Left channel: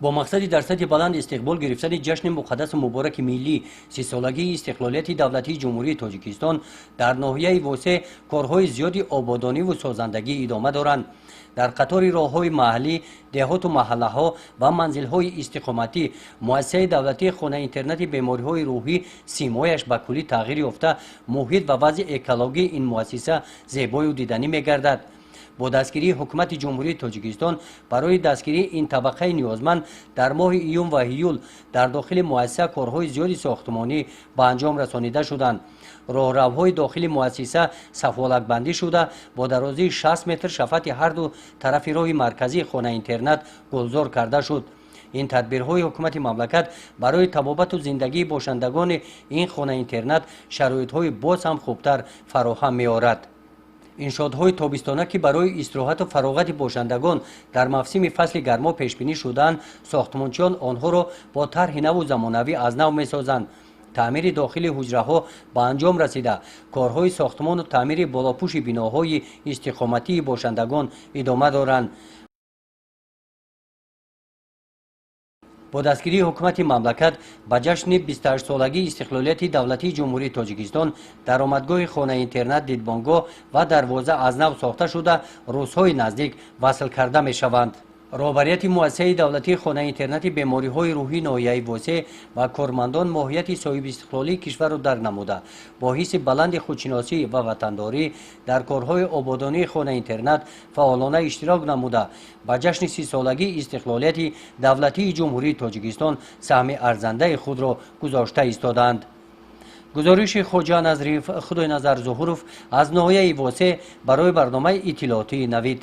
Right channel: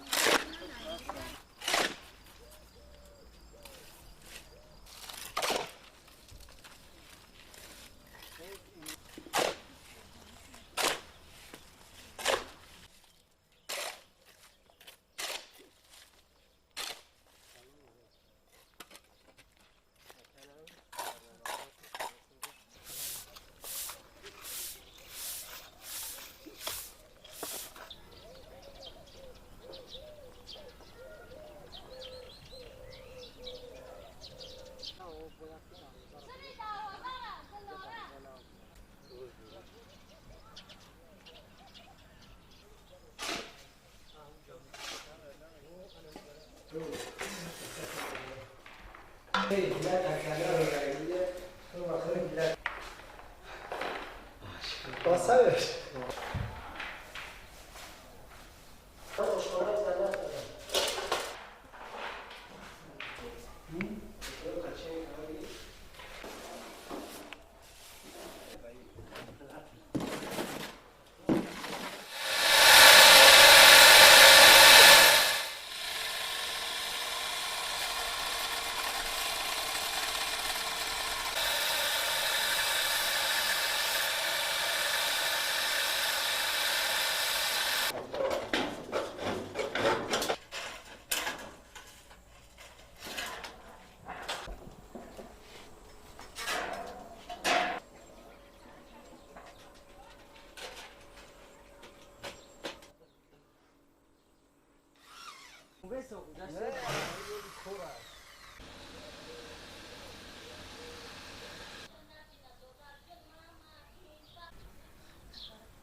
با مقصد در سطح بلند استقبال گرفتن جشن مقدس مبارک ملی 30 سالگی استقلالیت دولتی جمهوری تاجیکستان در ناحیه واسه کارهای زیادی آبادانی و سازندگی ادامه دارند. در قطار راه‌های محلی، دهات و محله‌ها و منزل‌های استقامتی مؤسسه دولتی خانه اینترنت بیماری‌های روحی سیمایش به کلی تغییر یافته، محیط و وضع اکولوژی این مؤسسه زیبای و دیدنی می‌گردد. با دستگیری حکومت جمهوری تاجیکستان برای دستگیری این طبقه نیازمند در ماه ایون و ایول در داخل مؤسسه کارهای زیادی ساختمانی به انجام رسانیده شدند. راهروهای داخل مؤسسه صفحالک بندی شده با درازی 60 متر شفاف هر دو طرف راه مرکزی خانه اینترنت گلزار کرده شد. این تدبیرهای حکومت مملکت برای طبابت و زندگی باشندگان این خانه اینترنت شرایط‌های باز هم خوبتر فراهم می‌آورد. انشاءهای تابستانه که برای استراحت و فراغت باشندگان در موسم فصل گرما پیش بینی شدند، ساختمانچیان آنها را با طرح نو و زمانوی از نو می‌سازند. تعمیر داخل حجره‌ها به انجام رسیده، کارهای ساختمان و تعمیر بالاپوش بناهای استقامتی باشندگان ادامه دارند. با دستگیری حکومت مملکت به جشن 28 سالگی استقلالیت دولتی جمهوری تاجیکستان درآمدگاه خانه اینترنت دیدبانگاه و دروازه از نو ساخته شده روزهای نزدیک وصل کرده می شوند. راهبریت مؤسسه دولتی خانه اینترنت بیماری‌های روحی ناحیه واسه و کارمندان ماهیت صاحب استقلالی کشور را درک نموده با حس بلند خودشناسی و وطنداری در کارهای آبادانی خانه اینترنت فعالانه اشتراک نموده به جشن 30 سالگی استقلالیت دولتی جمهوری تاجیکستان سهم ارزنده خود را گذاشته ایستادند. گزارش خواجه نظریف خدای نظر ظهورов از ناحیه واسه برای برنامه اطلاعاتی نوید.